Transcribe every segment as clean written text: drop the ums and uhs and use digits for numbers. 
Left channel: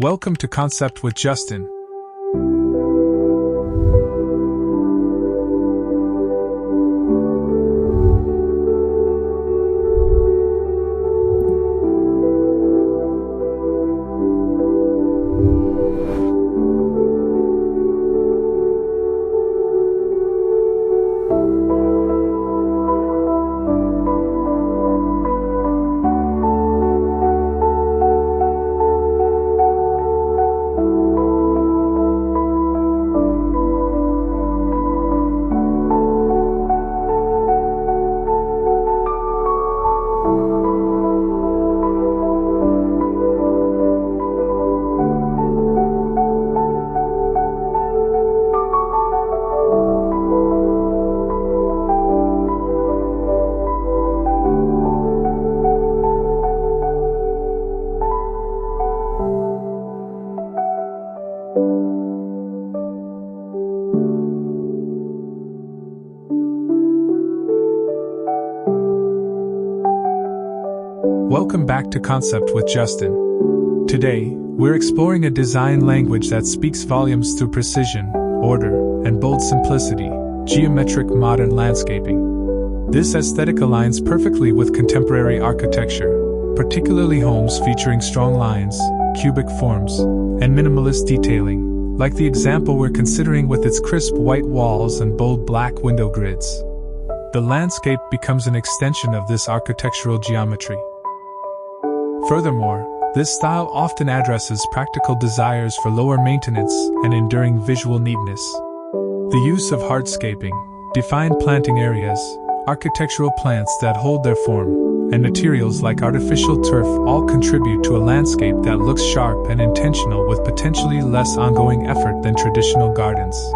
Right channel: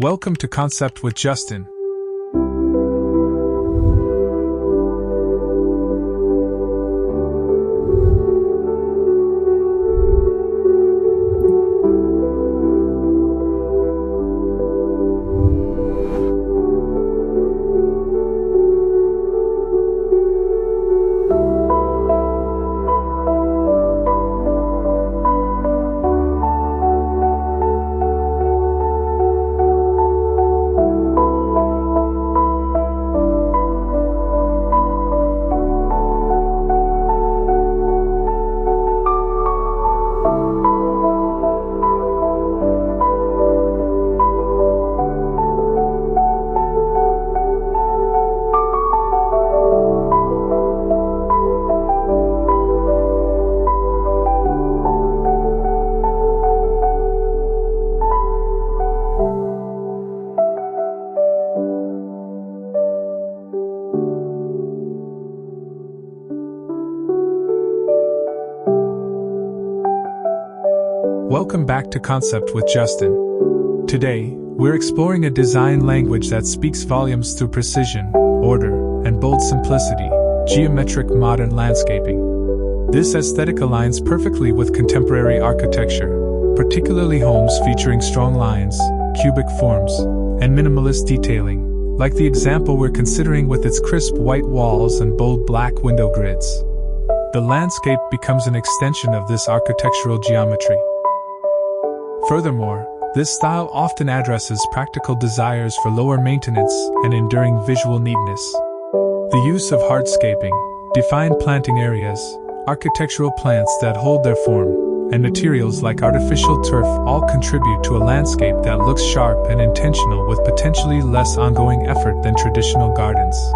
Welcome to Concept with Justin. Welcome back to Concept with Justin. Today, we're exploring a design language that speaks volumes through precision, order, and bold simplicity: geometric modern landscaping. This aesthetic aligns perfectly with contemporary architecture, particularly homes featuring strong lines, cubic forms, and minimalist detailing, like the example we're considering with its crisp white walls and bold black window grids. The landscape becomes an extension of this architectural geometry. Furthermore, this style often addresses practical desires for lower maintenance and enduring visual neatness. The use of hardscaping, defined planting areas, architectural plants that hold their form, and materials like artificial turf all contribute to a landscape that looks sharp and intentional, with potentially less ongoing effort than traditional gardens.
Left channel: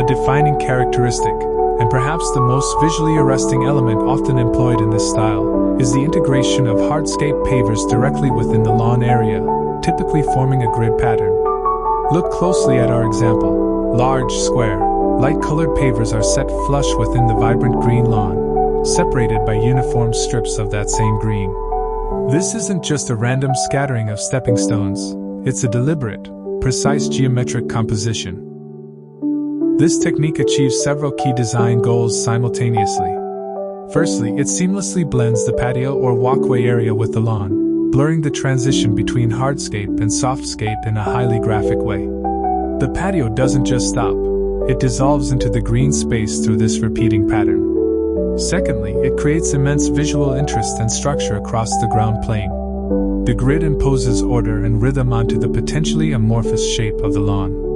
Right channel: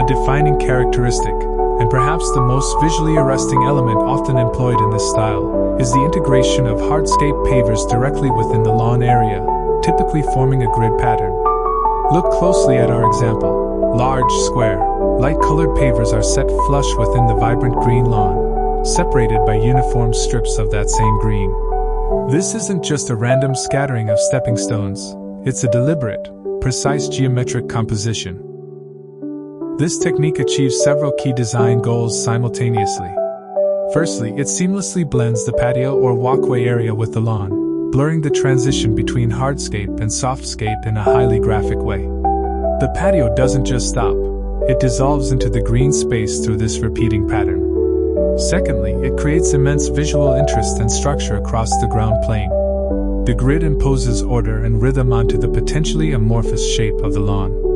a defining characteristic, and perhaps the most visually arresting element often employed in this style, is the integration of hardscape pavers directly within the lawn area, typically forming a grid pattern. Look closely at our example. Large, square, light-colored pavers are set flush within the vibrant green lawn, separated by uniform strips of that same green. This isn't just a random scattering of stepping stones, it's a deliberate, precise geometric composition. This technique achieves several key design goals simultaneously. Firstly, it seamlessly blends the patio or walkway area with the lawn, blurring the transition between hardscape and softscape in a highly graphic way. The patio doesn't just stop, it dissolves into the green space through this repeating pattern. Secondly, it creates immense visual interest and structure across the ground plane. The grid imposes order and rhythm onto the potentially amorphous shape of the lawn.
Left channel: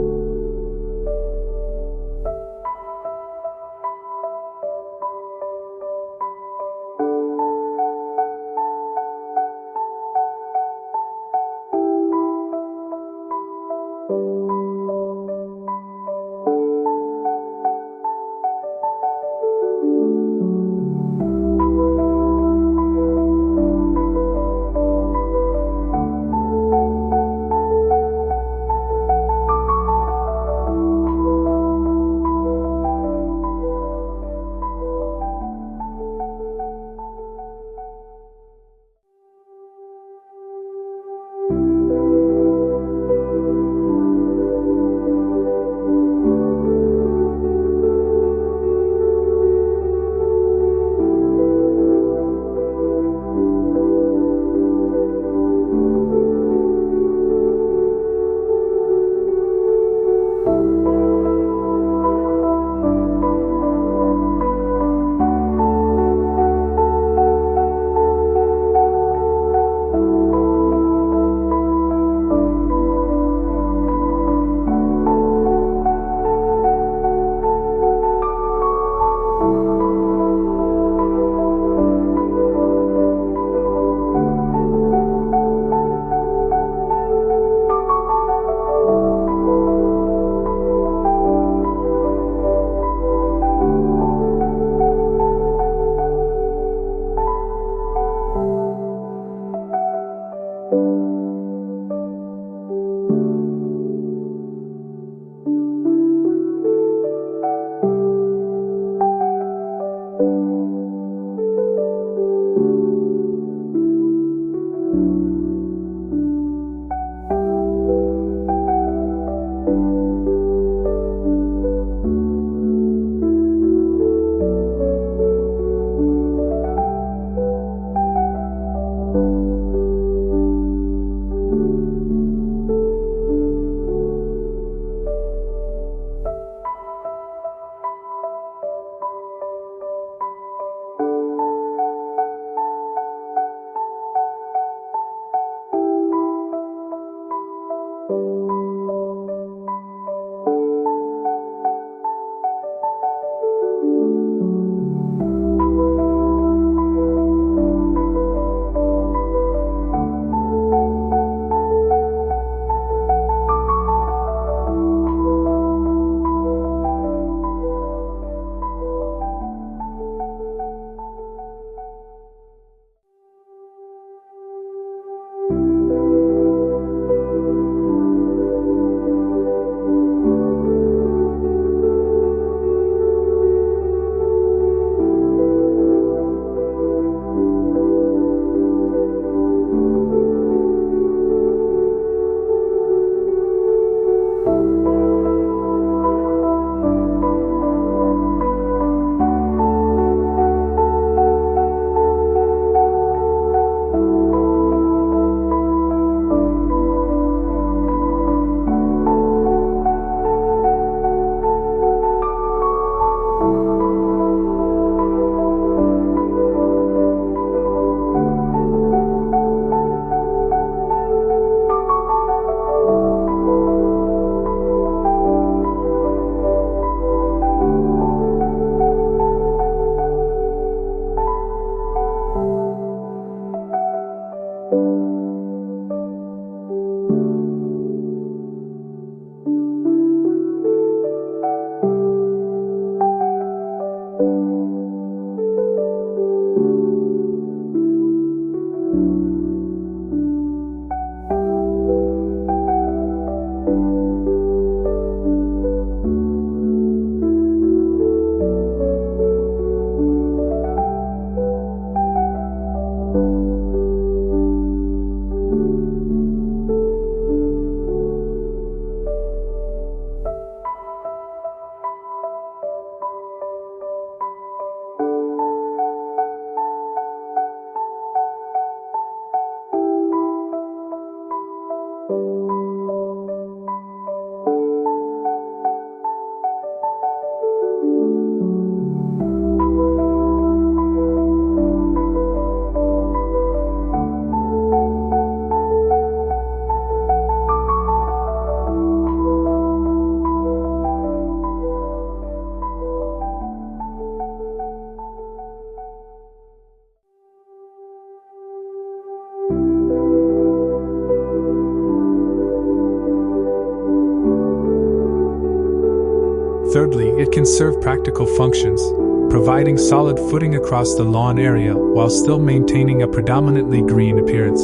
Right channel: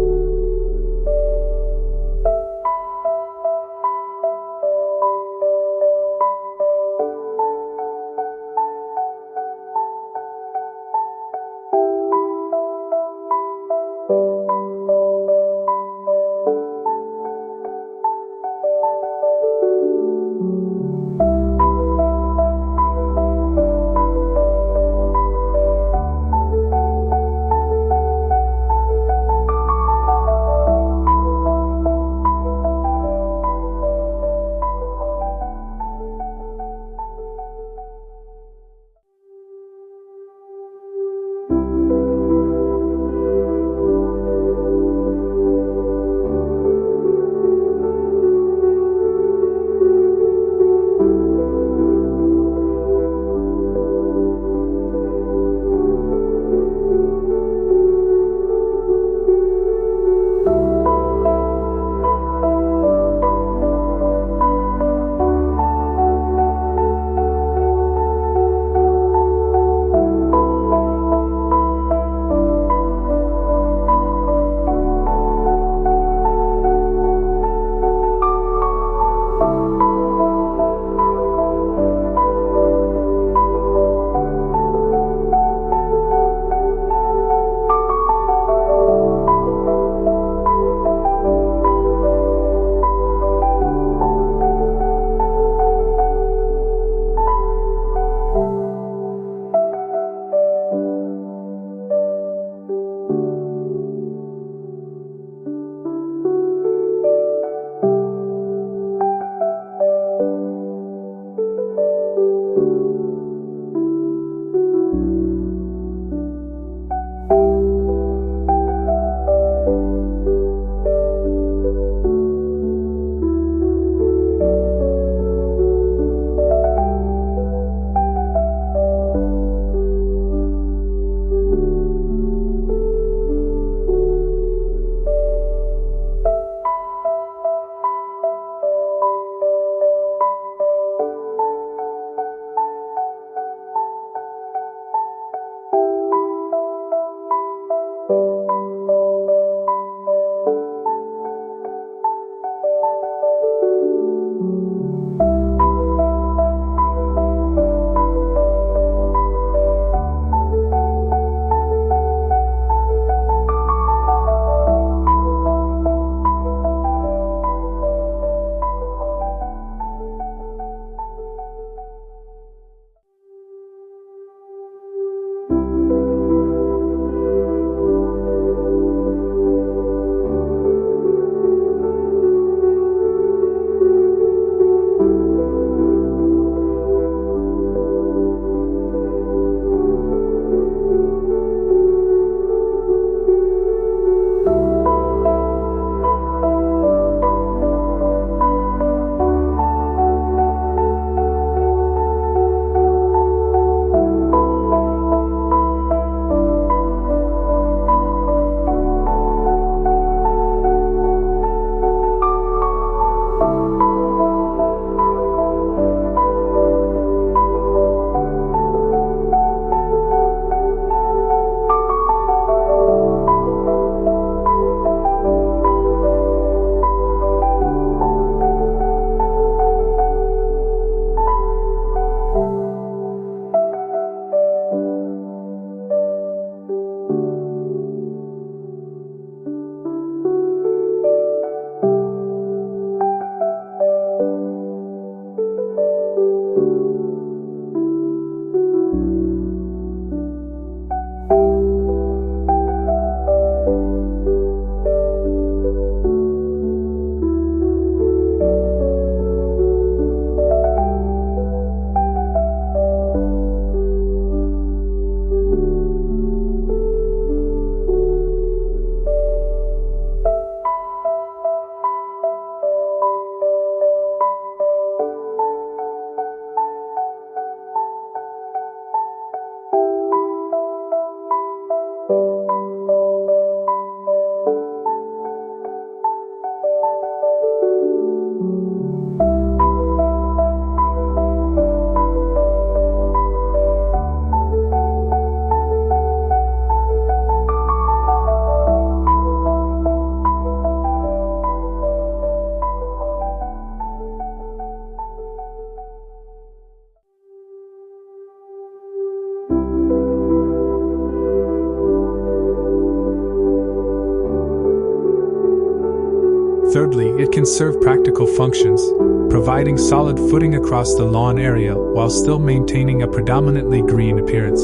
Thirdly, it can serve practical functions, providing solid footing across the lawn area while still maintaining a predominantly green appearance.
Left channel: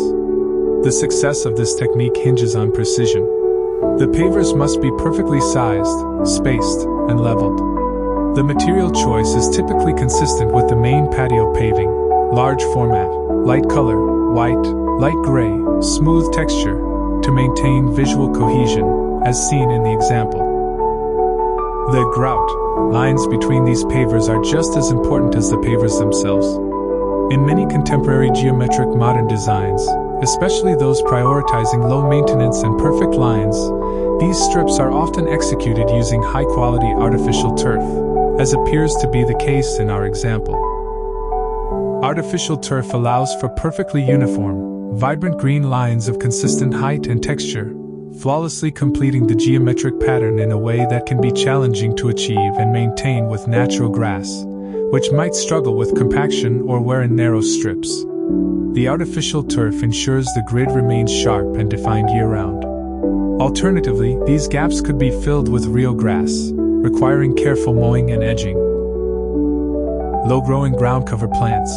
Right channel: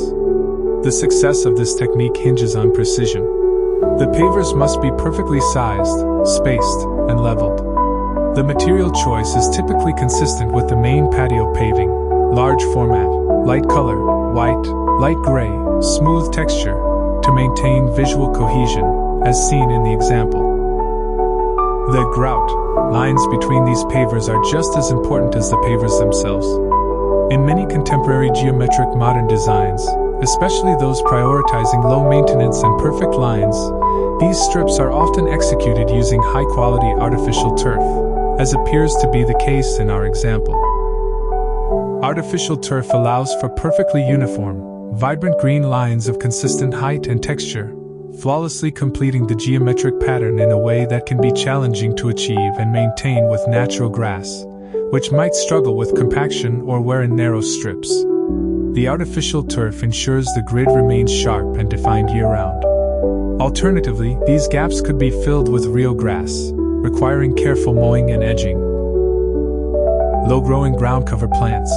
The success of this technique hinges on precision. The pavers must be perfectly sized, spaced, and leveled. The material choice is typically consistent with the main patio paving: large format, light color, white, light gray, smooth texture, to maintain visual cohesion, as seen in the example. The grout lines between these pavers are just as important as the pavers themselves. In many contemporary geometric modern designs, especially those prioritizing low maintenance and perfect lines, these strips are often executed using high-quality artificial turf, as appears to be the case in our example. Artificial turf allows for perfectly uniform, vibrant green lines of consistent height and texture, flawlessly completing the geometric pattern in a way that can be challenging to achieve and maintain with natural grass, which might struggle with compaction or wear in narrow strips. The artificial turf ensures the grid remains sharp and defined year-round. Alternatively, these gaps could be filled with real grass, requiring careful mowing and edging. Low-growing ground cover plants,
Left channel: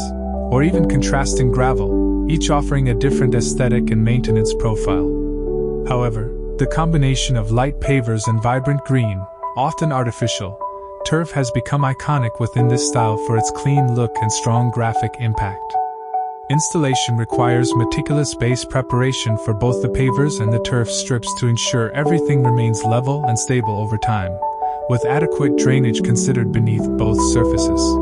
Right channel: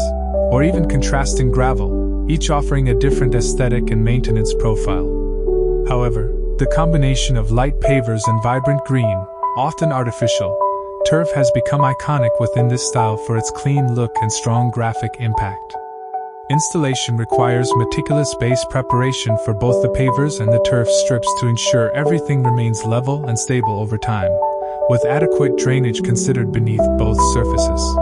or even contrasting gravel, each offering a different aesthetic and maintenance profile. However, the combination of light pavers and vibrant green, often artificial, turf has become iconic within this style for its clean look and strong graphic impact. Installation requires meticulous base preparation for both the pavers and the turf strips to ensure everything remains level and stable over time, with adequate drainage considered beneath both surfaces.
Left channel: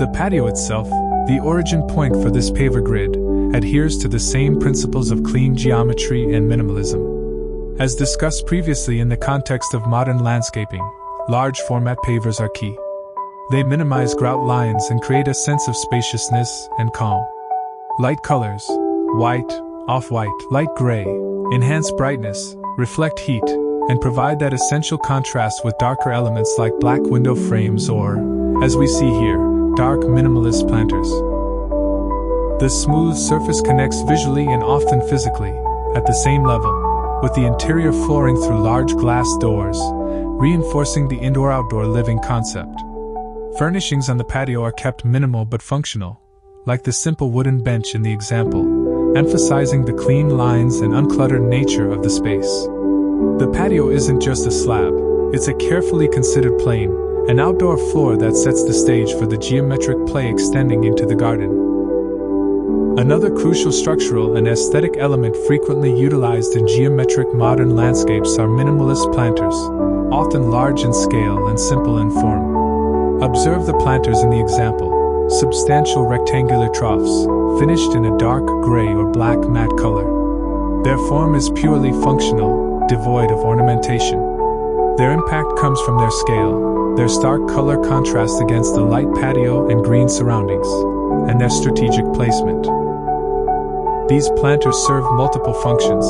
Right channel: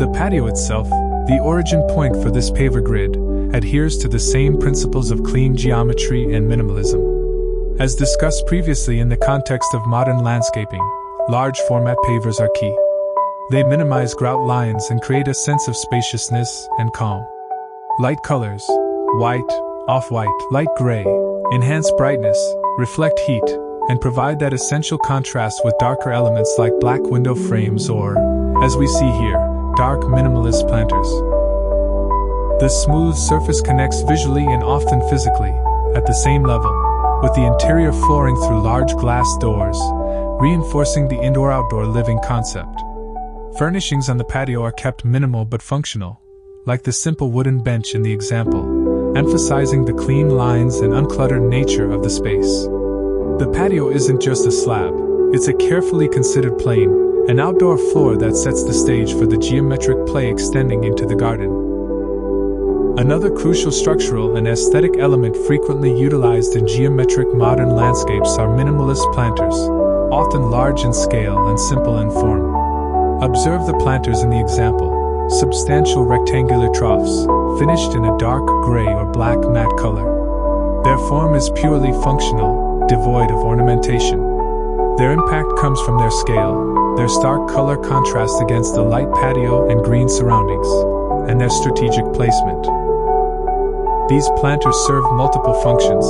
The patio itself, the origin point for this paver grid, adheres to the same principles of clean geometry and minimalism. As discussed previously in the context of modern landscaping, large format pavers are key. They minimize grout lines and create a sense of spaciousness and calm. Light colors, white, off-white, light gray, enhance brightness, reflect heat, and provide that essential contrast with darker elements like black window frames or, as we see here, dark minimalist planters. The smooth surface connects visually and often physically, at the same level, with the interior flooring through large glass doors, reinforcing the indoor-outdoor living concept. Furnishings on the patio are kept minimal but functional, like the simple wooden bench in the example, emphasizing the clean lines and uncluttered nature of the space. The patio isn't just a slab, it's a carefully considered plane, an outdoor floor that sets the stage for the geometric play extending into the garden. Another crucial structural and aesthetic element frequently utilized in geometric modern landscapes are minimalist planters, often large in scale and simple in form. Observe the planters in the example, substantial rectangular troughs, finished in a dark gray or black matte color. Their form is purely functional, devoid of ornamentation. Their impact comes from their scale, their stark color contrast against the light patio and green surroundings, and their strategic placement. These planters serve multiple functions.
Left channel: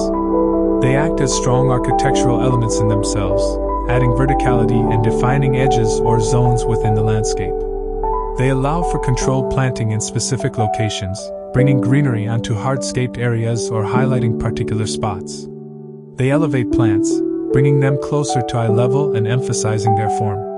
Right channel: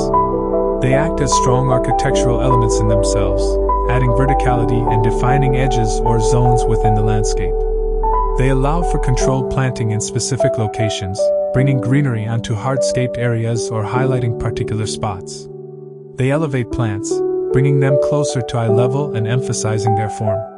They act as strong architectural elements in themselves, adding verticality and defining edges or zones within the landscape. They allow for controlled planting in specific locations, bringing greenery onto hardscaped areas or highlighting particular spots. They elevate plants, bringing them closer to eye level and emphasizing their form.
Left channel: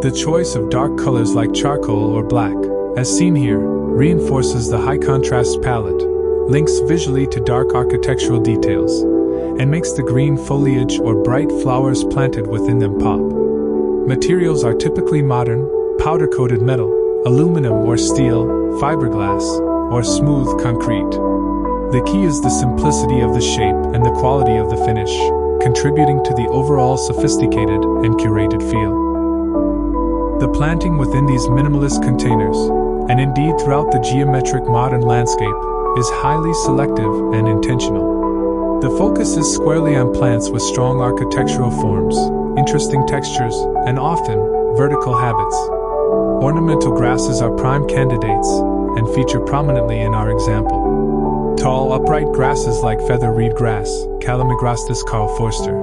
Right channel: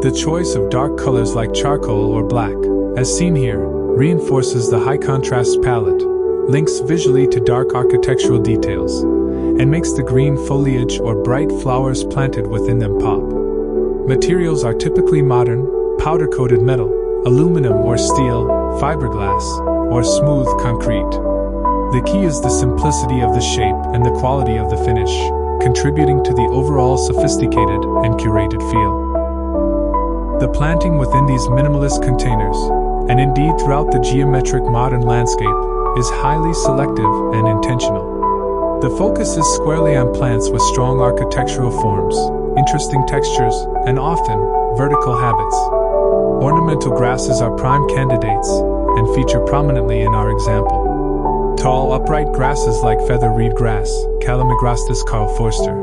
The choice of dark colors like charcoal or black, as seen here, reinforces the high contrast palette, links visually to dark architectural details, and makes the green foliage or bright flowers planted within them pop. Materials are typically modern, powder-coated metal, aluminum or steel, fiberglass, or smooth concrete. The key is the simplicity of the shape and the quality of the finish, contributing to the overall sophisticated and curated feel. The planting within these minimalist containers, and indeed throughout the geometric modern landscape, is highly selective and intentional. The focus is squarely on plants with strong architectural forms, interesting textures, and often, vertical habits. Ornamental grasses are prime candidates, and feature prominently in our example. Tall, upright grasses like feather reed grass, Calamagrostis Carl Forster,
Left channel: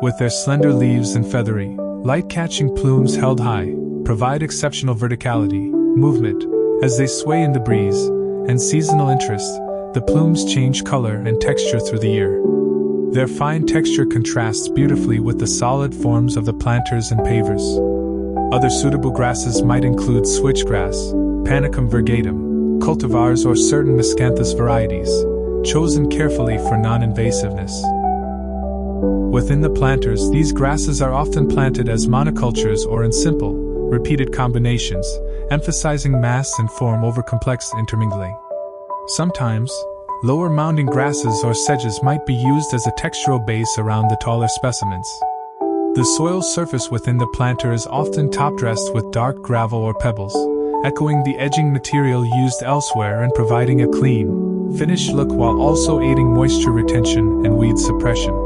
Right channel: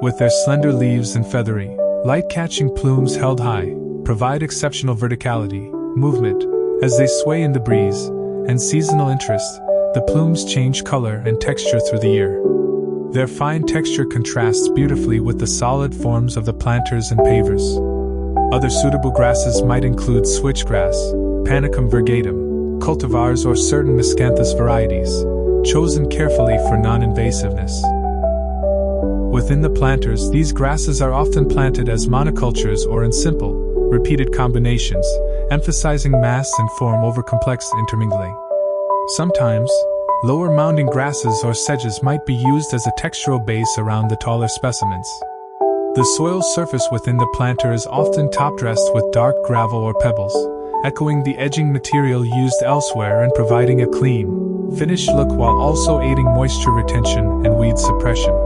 with their slender leaves and feathery, light-catching plumes held high, provide exceptional verticality, movement, as they sway in the breeze, and seasonal interest. The plumes change color and texture through the year. Their fine texture contrasts beautifully with the solid forms of the planters and pavers. Other suitable grasses might include switchgrass, Panicum virgatum, cultivars, or certain miscanthus varieties, chosen carefully for non-invasiveness. Within the planters, these grasses are often planted as monocultures or in simple, repeated combinations, emphasizing mass and form over complex intermingling. Sometimes, lower mounding grasses or sedges might be used as a textural base around the taller specimens. The soil surface within the planter is often top-dressed with dark gravel or pebbles, echoing the edging material used elsewhere and providing a clean, finished look while also aiding moisture retention and weed suppression.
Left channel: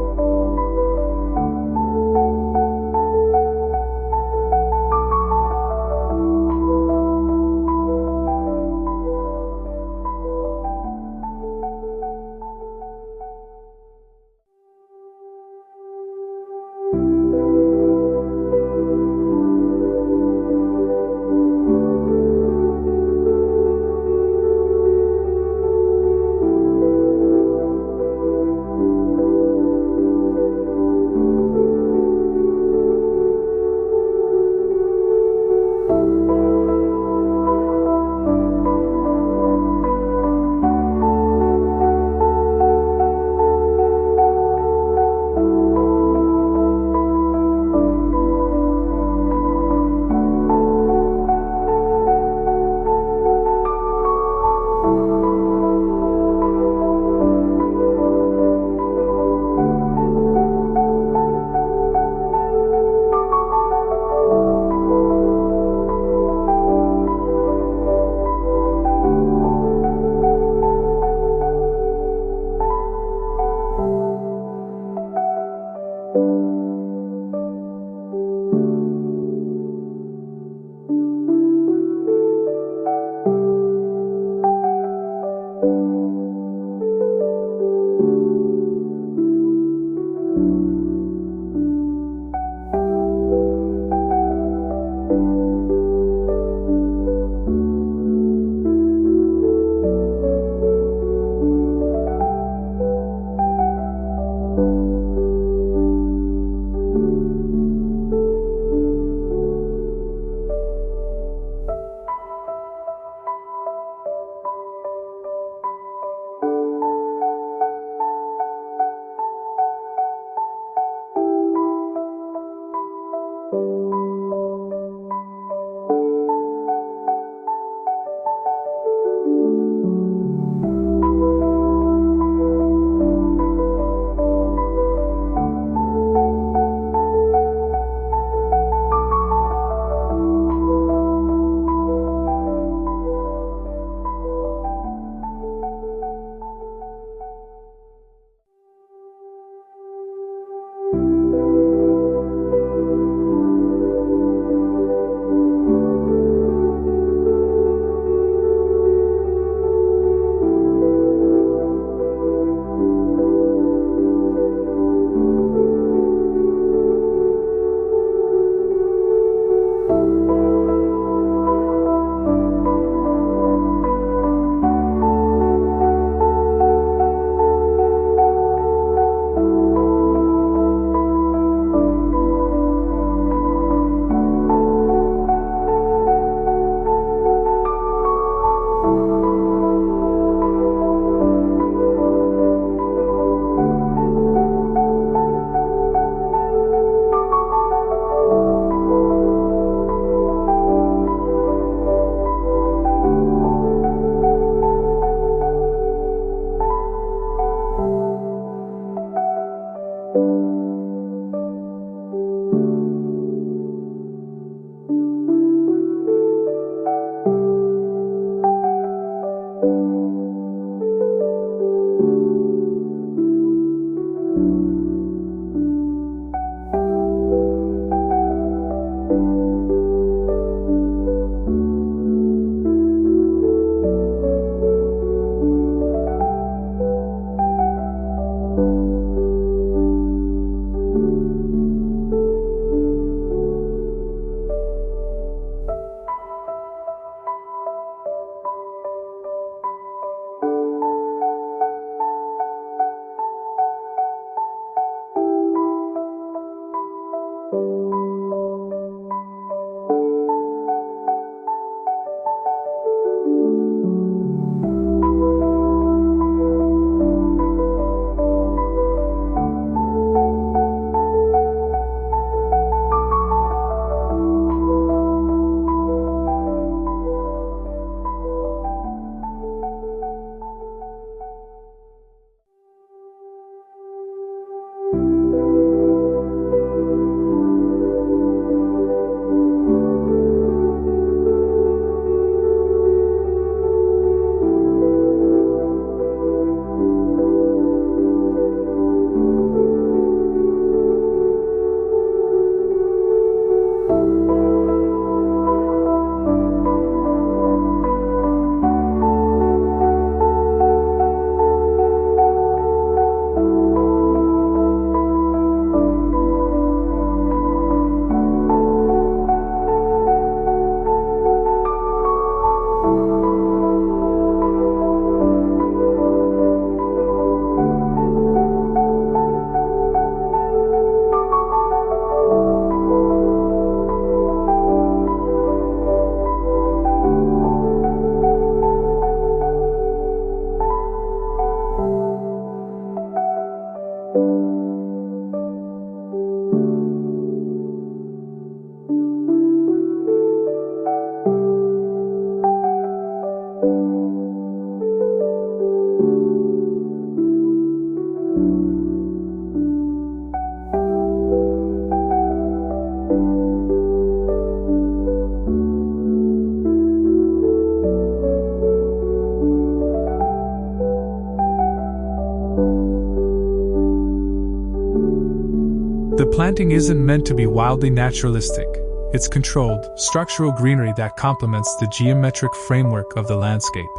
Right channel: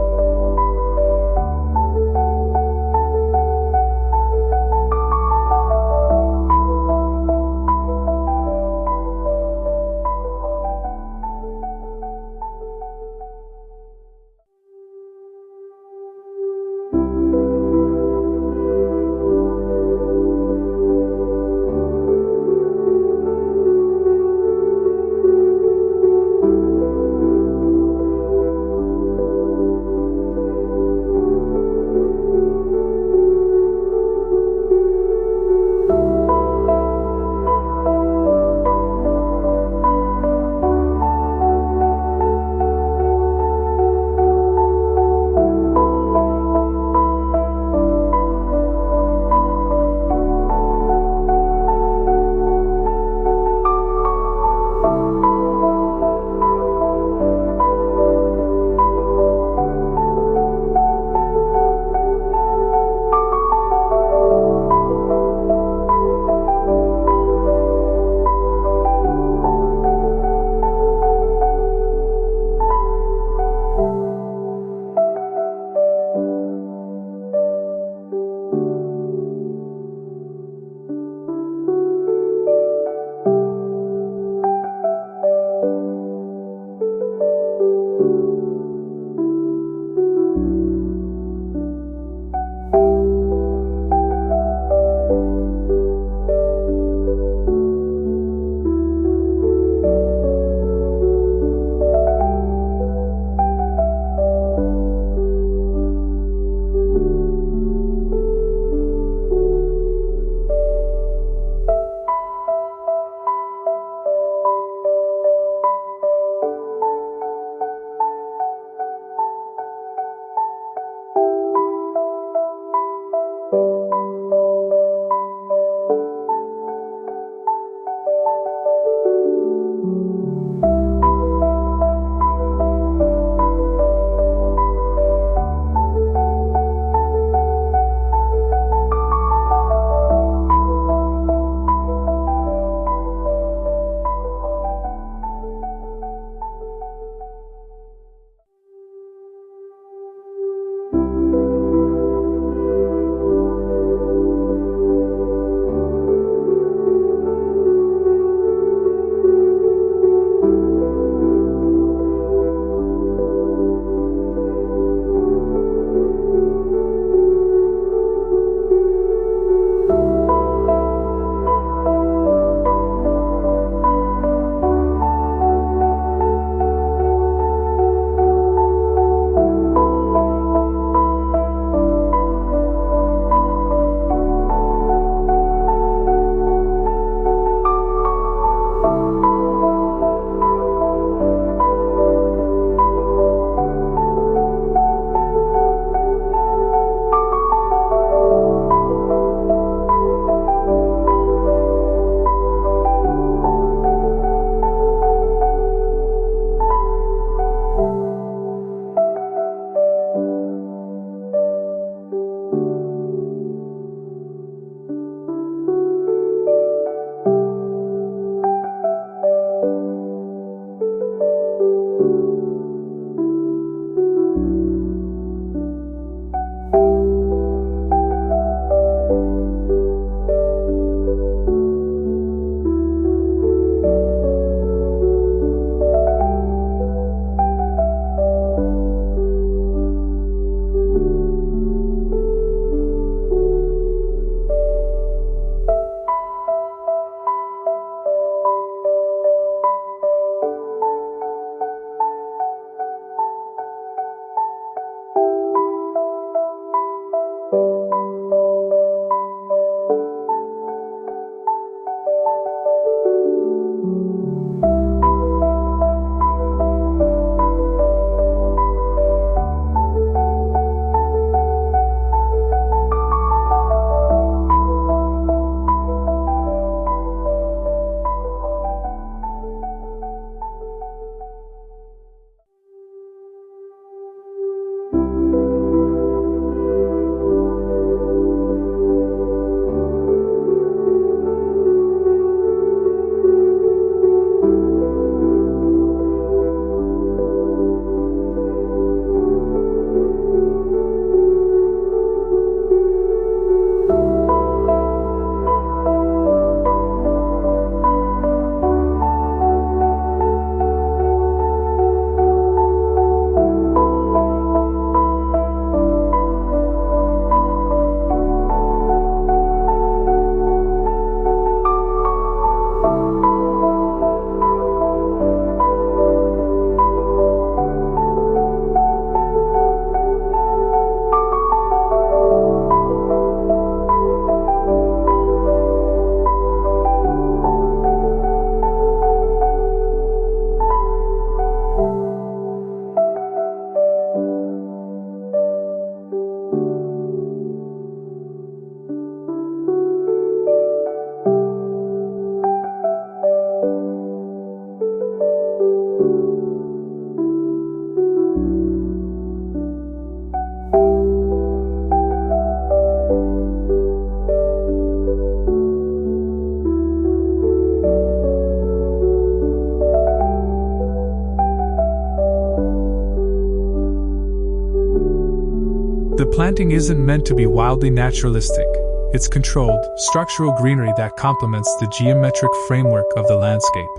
The planting isn't meant to be wildly naturalistic. It's controlled, structural greenery that complements the geometric framework of the landscape.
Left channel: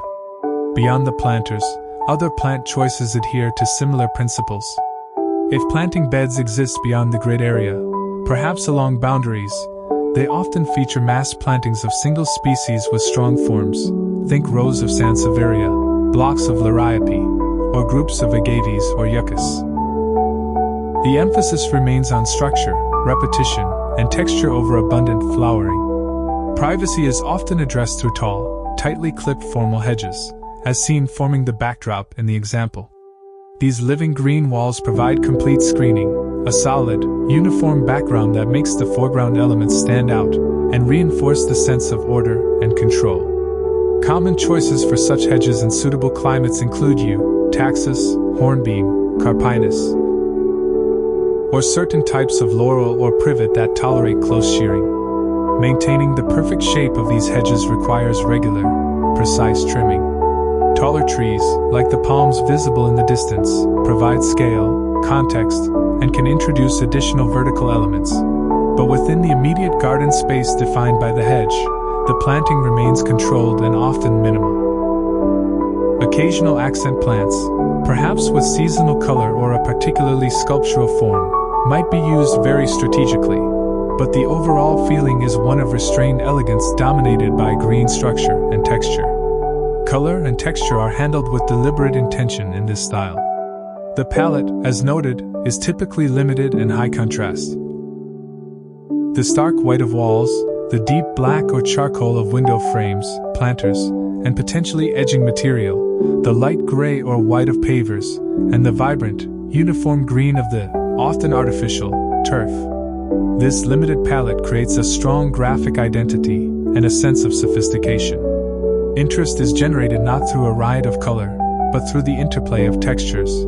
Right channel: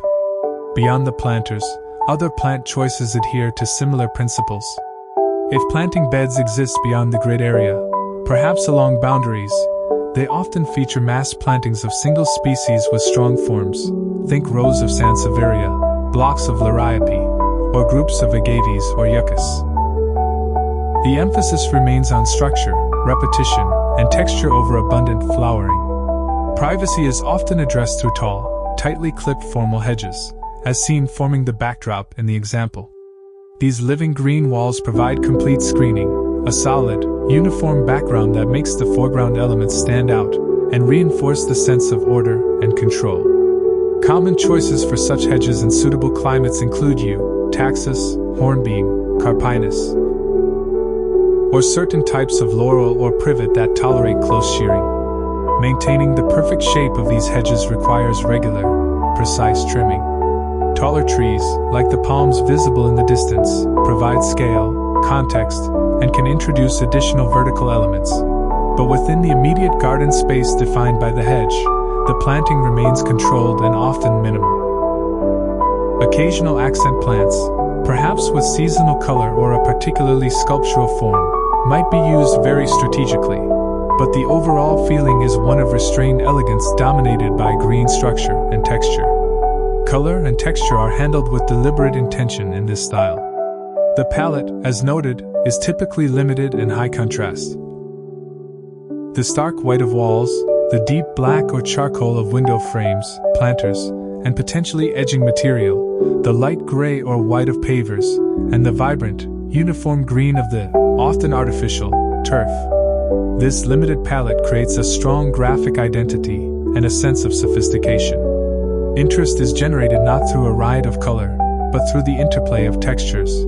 Beyond the planters, other plant choices adhere to similar principles. If planting beds exist beyond the grid area, perhaps along boundaries, they often feature mass plantings of single species with strong forms. Think rows of Sansevieria, blocks of Liriope, or groups of Agaves or Yuccas. The emphasis remains on structure, repetition, and texture over abundant flowering. Privacy is often addressed through tall, tightly clipped formal hedges, as seen forming the backdrop in the example. These living green walls provide complete screening, a solid, uniform background that makes the foreground elements stand out and reinforce the sense of order and control. Common choices for such hedges in suitable climates include yew, taxus, hornbeam, carpinus, or certain types of laurel or privet that tolerate close shearing. Maintaining the perfect shape of these hedges requires regular, precise trimming. Taller trees, like the palms visible in the distance, provide scale, context, and can introduce additional vertical elements. But within the immediate garden space defined by the hedge, the planting remains controlled and often minimal. Occasional accent plants, perhaps with seasonal color or a particularly sculptural form, might be used very strategically, but the overall feeling is one of restrained elegance dominated by green structure and texture. Color and texture are handled with deliberate intention in this style. The palette, as noted, is typically limited and high contrast. The stark white of walls, the deep black or charcoal of window frames, planters, and potentially edging material, the light gray or white of pavers, and the vibrant, uniform green of the, often artificial, turf. This limited palette creates a strong graphic identity and a sense of sophistication. Interest is generated not through a riot of color, but through the interplay of textures.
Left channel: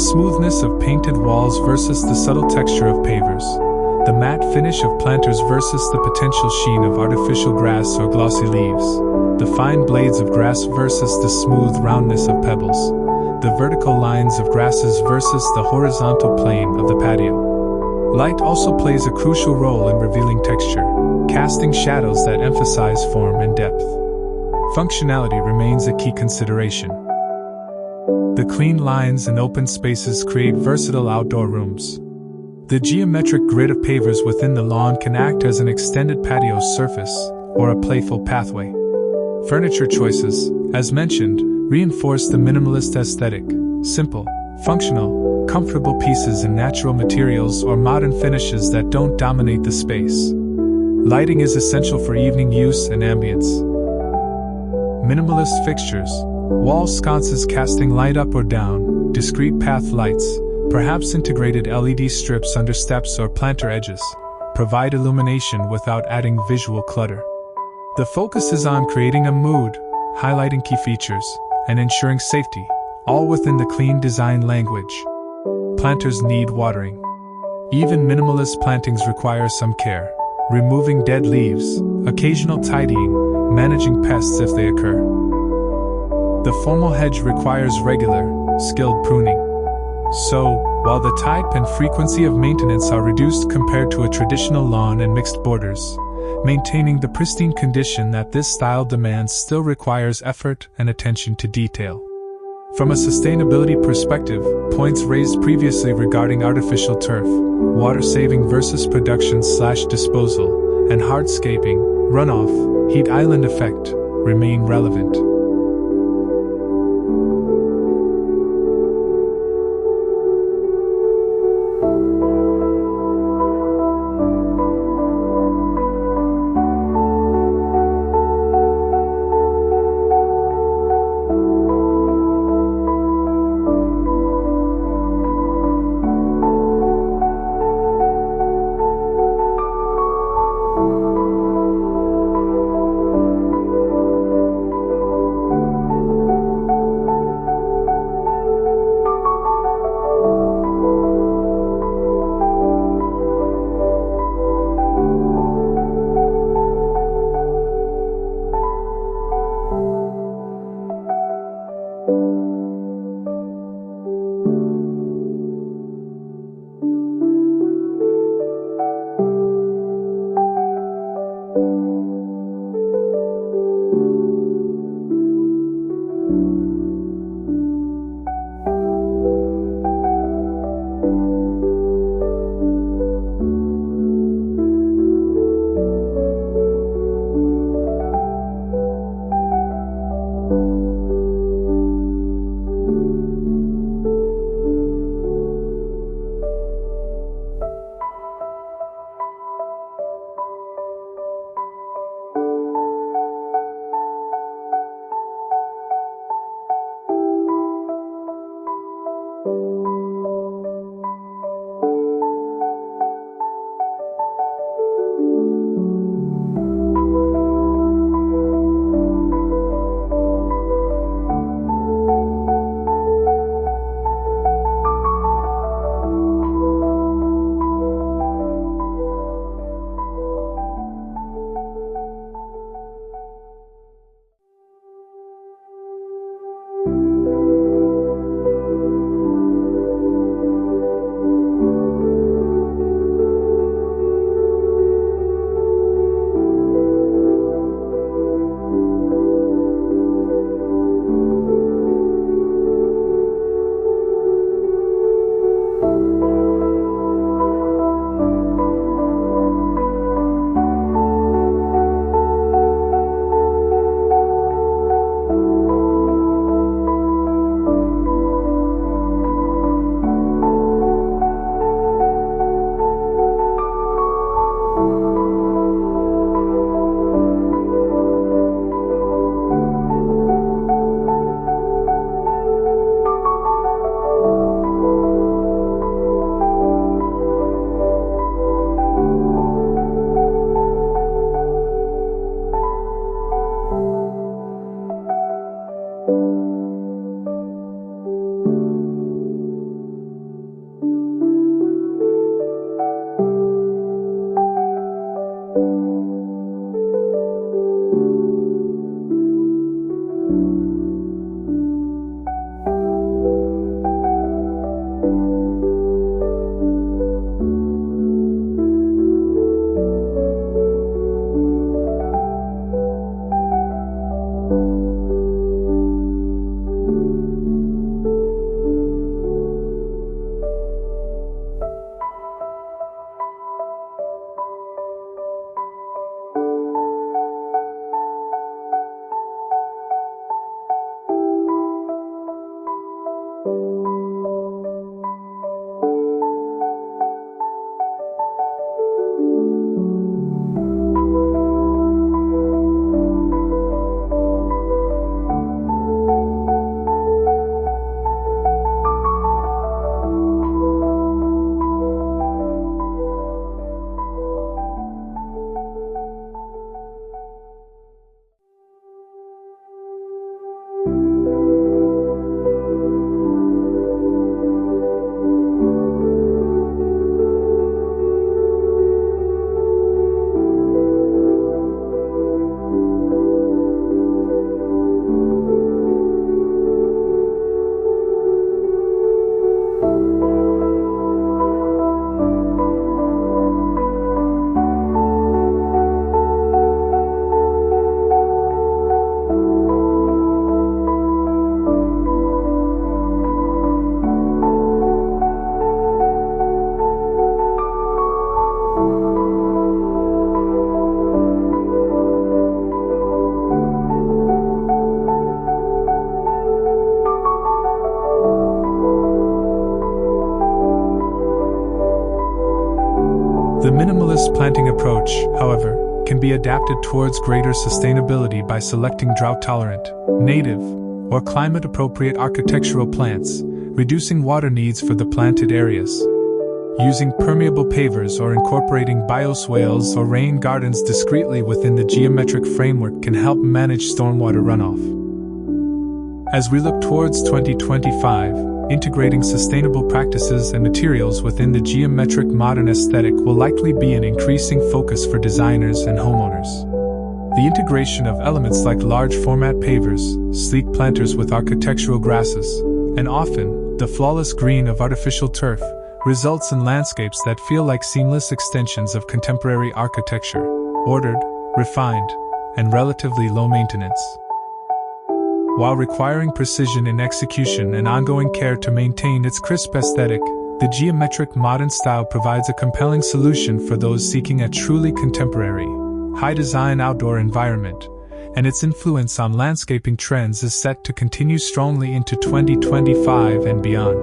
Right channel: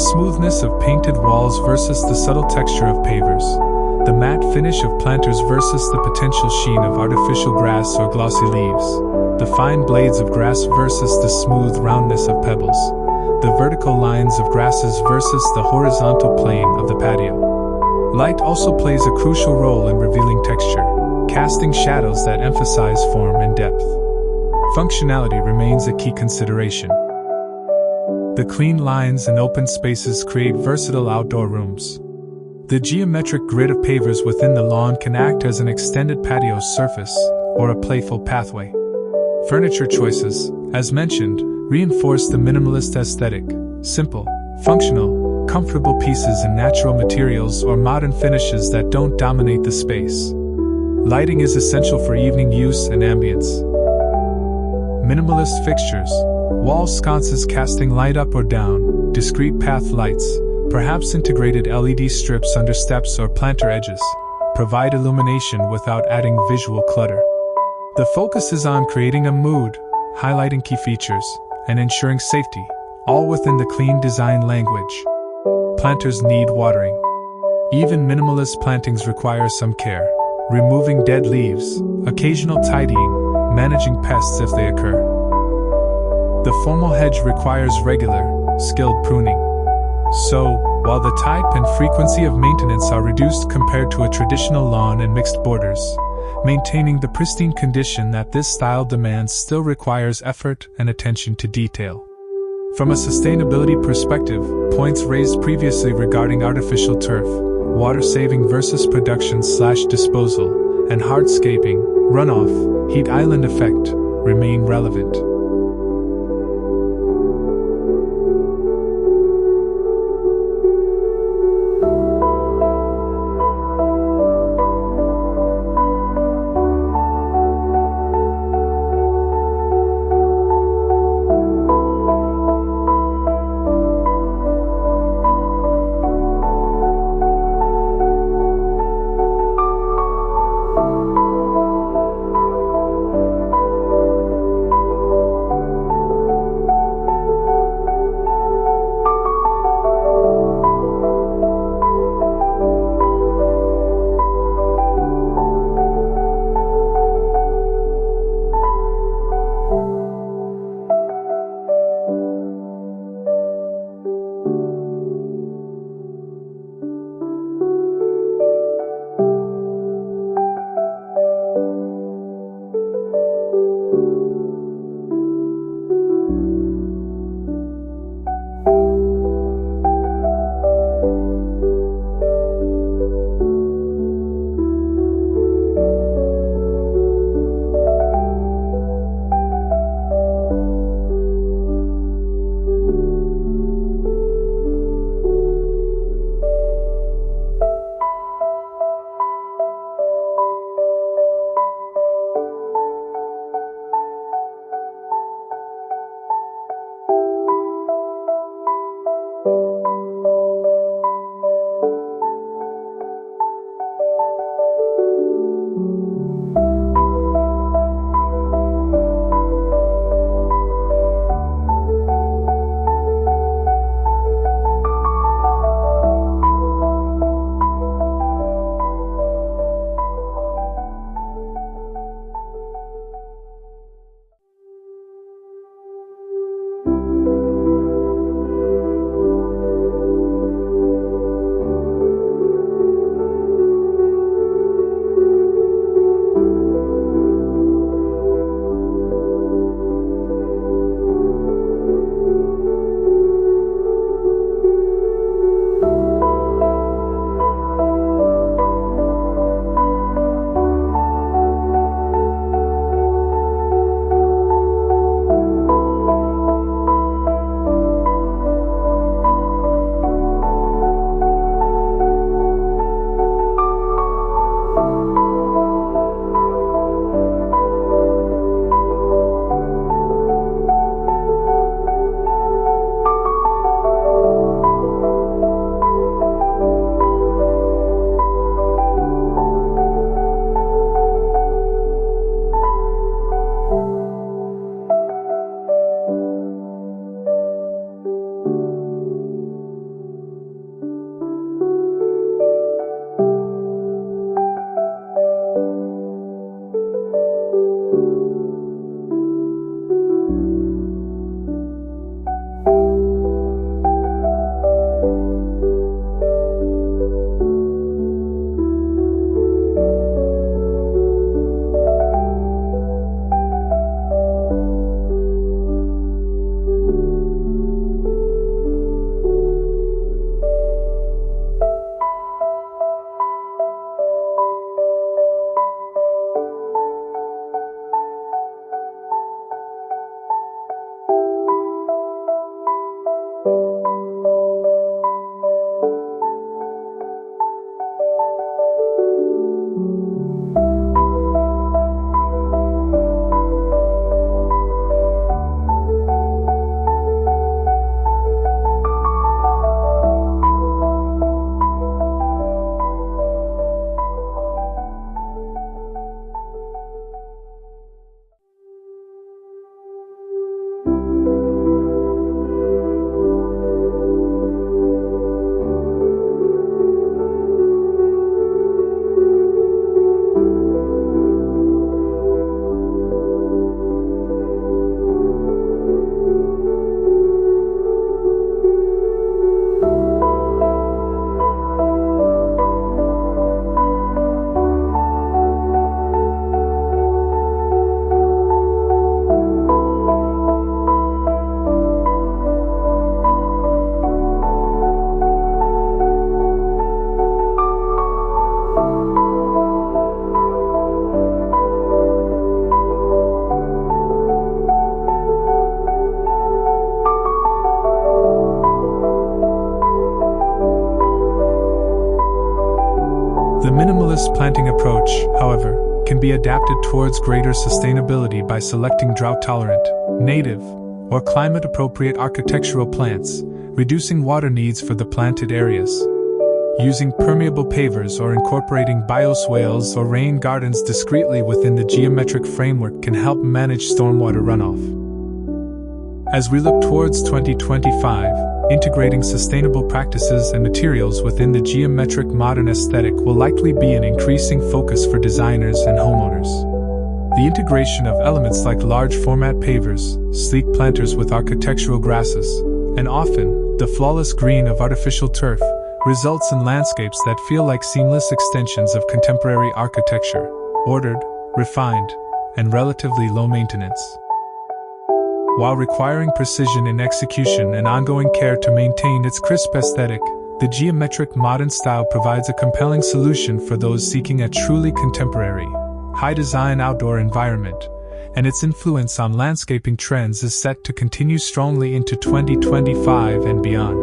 smoothness of painted walls versus the subtle texture of pavers, the matte finish of planters versus the potential sheen of artificial grass or glossy leaves, the fine blades of grass versus the smooth roundness of pebbles, the vertical lines of grasses versus the horizontal plane of the patio. Light also plays a crucial role in revealing texture, casting shadows that emphasize form and depth. Functionality remains a key consideration. The clean lines and open spaces create versatile outdoor rooms. The geometric grid of pavers within the lawn can act as an extended patio surface or a playful pathway. Furniture choices, as mentioned, reinforce the minimalist aesthetic: simple, functional, comfortable pieces in natural materials or modern finishes that don't dominate the space. Lighting is essential for evening use and ambience. Minimalist fixtures, wall sconces casting light up or down, discrete path lights, perhaps integrated LED strips under steps or planter edges, provide illumination without adding visual clutter. The focus is on creating a mood, highlighting key features, and ensuring safety, all within the clean design language. Planters need watering. Even minimalist plantings require some care, removing dead leaves, occasional tidying, managing pests if they occur. The formal hedge requires regular, skilled pruning. So, while the type and frequency of maintenance are reduced compared to a traditional lawn and mixed borders, maintaining the pristine condition that this style demands still requires effort and attention to detail. From a sustainability perspective, points raised previously regarding artificial turf, water saving versus production/disposal, and hardscaping, runoff, heat island effect, remain relevant. The minimalist planting approach, however, can be adapted towards greater sustainability by selecting drought-tolerant, native, or climate-appropriate architectural plants, reducing water needs for the planted areas. Using permeable pavers or incorporating bioswales or rain gardens discreetly within the geometric framework can help manage stormwater runoff. As we look towards 2025, integrating sustainable practices and materials within the geometric modern aesthetic will likely be an increasing focus for designers and homeowners. The integration of elements like large format pavers, sleek planters with architectural grasses, and often the flawless green of artificial turf results in landscapes that feel like seamless extensions of contemporary architecture, ordered, refined, and relatively low maintenance. While requiring precision in execution and ongoing care to maintain its crisp aesthetic, the geometric modern style provides a compelling solution for those seeking a truly contemporary, high-design outdoor environment, and its influence on landscaping trends is set to continue strongly into 2025 and beyond.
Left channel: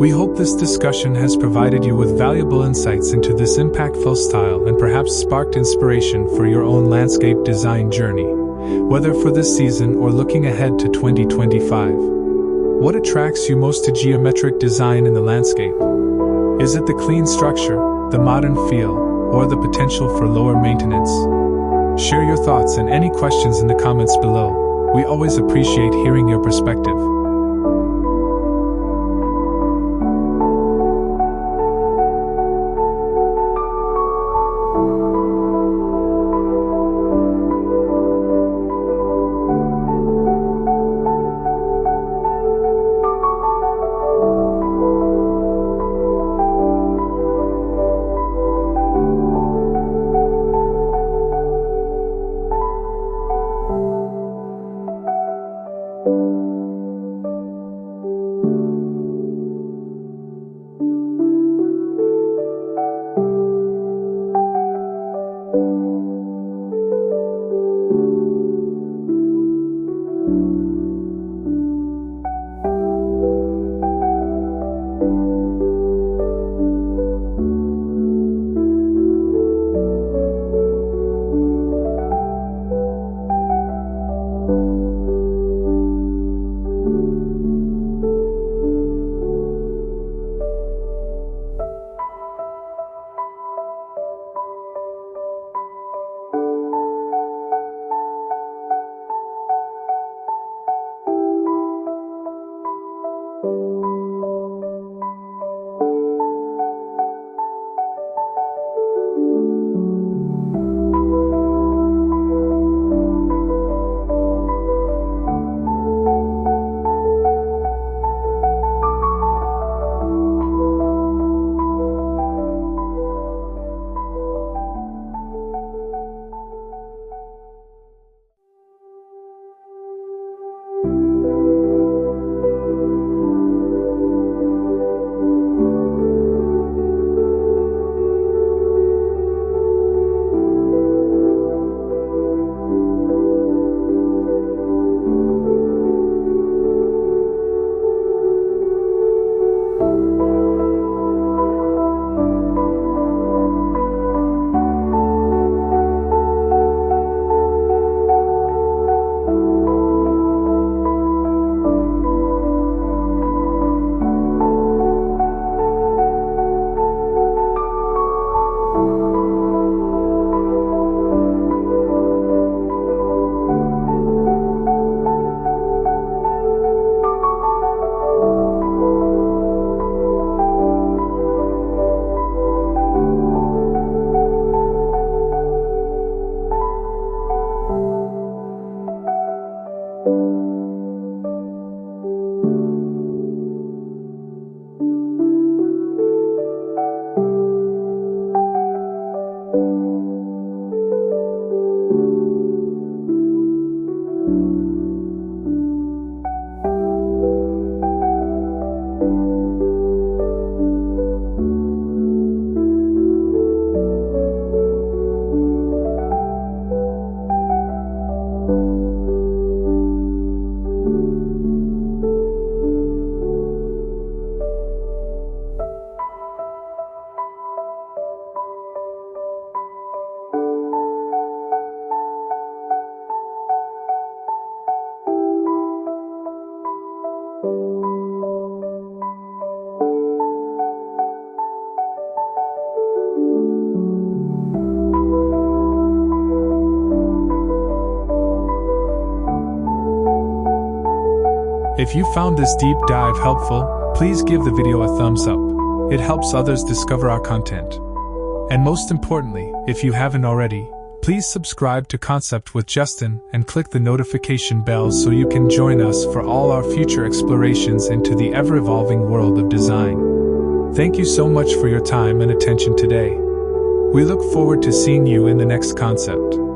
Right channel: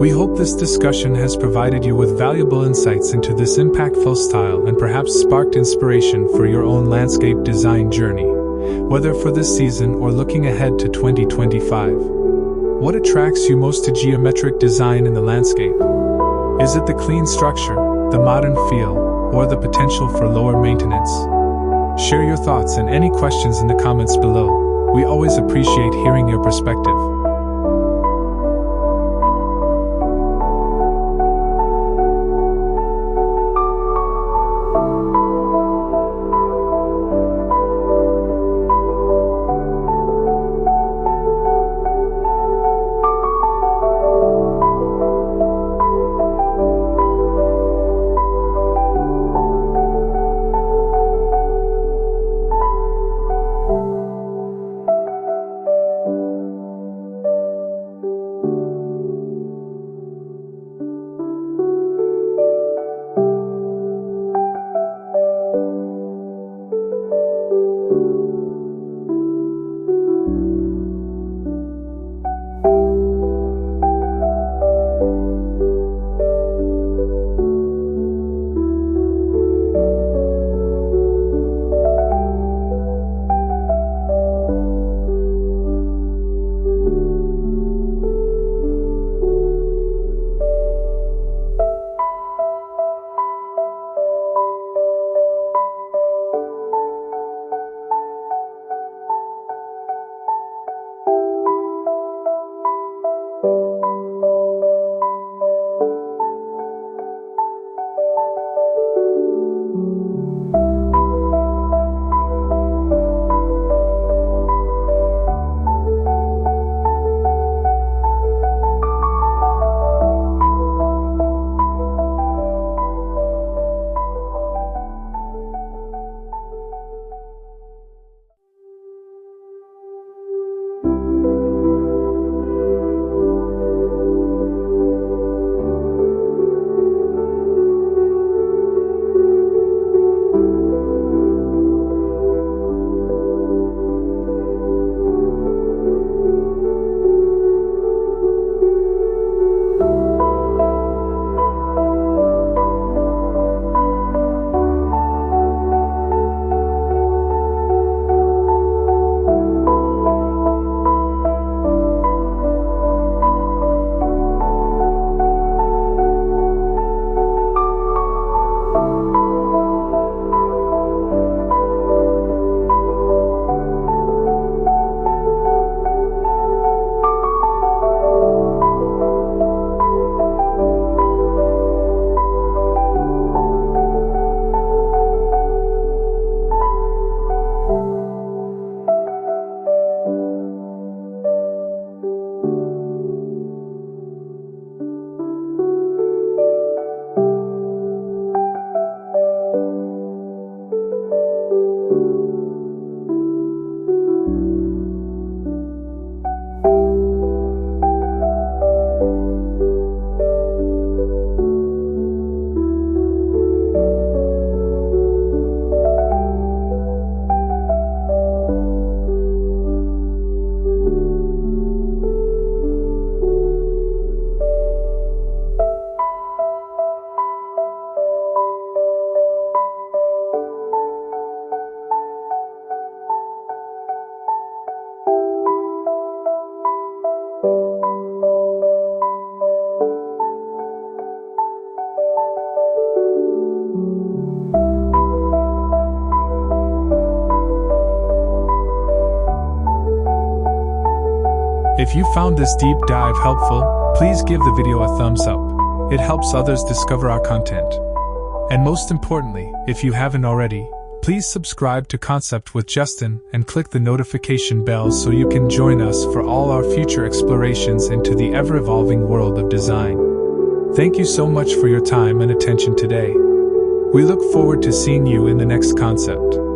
We hope this discussion has provided you with valuable insights into this impactful style and perhaps sparked inspiration for your own landscape design journey, whether for this season or looking ahead to 2025. What attracts you most to geometric design in the landscape? Is it the clean structure, the modern feel, or the potential for lower maintenance? Share your thoughts and any questions in the comments below. We always appreciate hearing your perspective. If you found this deep dive helpful, please give the video a thumbs up. It helps others discover our content. And most importantly, if you haven't already, please subscribe to Concept with Justin and click the notification bell so you can join us for all our future explorations into the ever-evolving world of design. Thank you so much for your time and attention today. We look forward to seeing you in the next concept.